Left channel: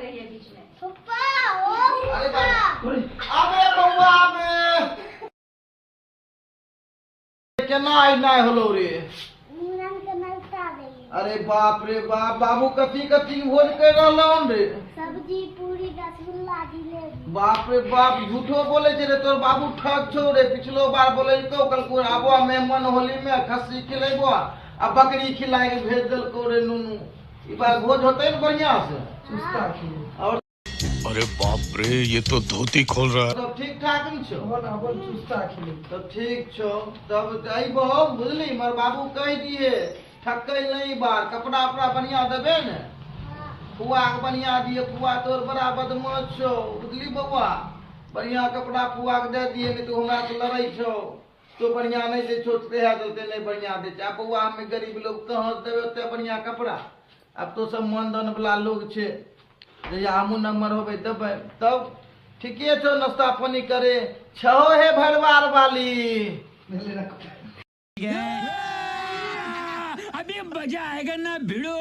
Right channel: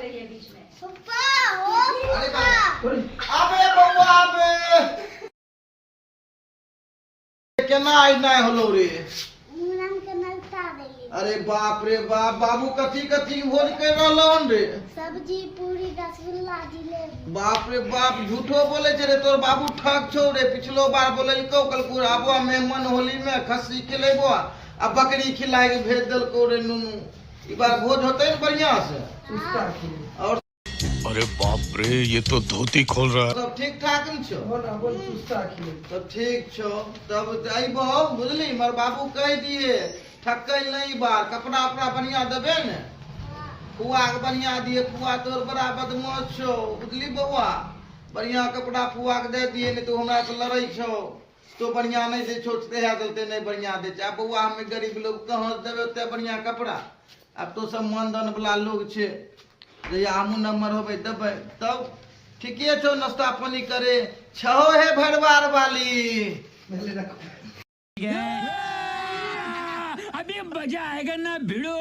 रही है बीच में। अबे बउआ अबे केना आई नाय होलो रे। अरे बाप रे बाप, बाबू कथी कथी भोज कर रहलन रे। सब्जी पूरी रसगुल्ला जिलेबी। बाप रे बाप, झूठो बोले छे रे तोर बाबू, ठग छौ रे। पिछलो बार बोलैलको, कहलको आबो मेहमान होली में खस्सी खिलेबो आ बकरी खिलाए के भेज देलको रे नुनू। ई बार भोज होतै न बढ़िया से। और अरे बाप रे, ये तो धोती खोल रहा है। सब ठीक ठाक न छौ? सब ठीक छौ। तब अइबो बुझली, मर बाबू कह दिए ठकै नहीं बार। कपड़ा उपड़ा बढ़िया देबे ने, फुआ के बढ़िया दिए। फुआ तोर बड़ा बदमाश छौ बुझली बउआ। बढ़िया कपड़ा फुआ के दे दिए, नहीं तो हमरा से लड़ै छौ। तो बढ़िया नहीं दे छो, तेहा दलते नहीं बढ़िया दे छै। अब बउआ हमें गरीब लोग कहाँ से देबे ओते बढ़िया कपड़ा। अब तो सब मानदान वाला लोग छे, जहिया हमू नंबर होबे देबै। तब ठीके छौ, नाश्ता पानी करे छहो हे भरवार वाली। अभी मजा आएगा ना भिड़ो।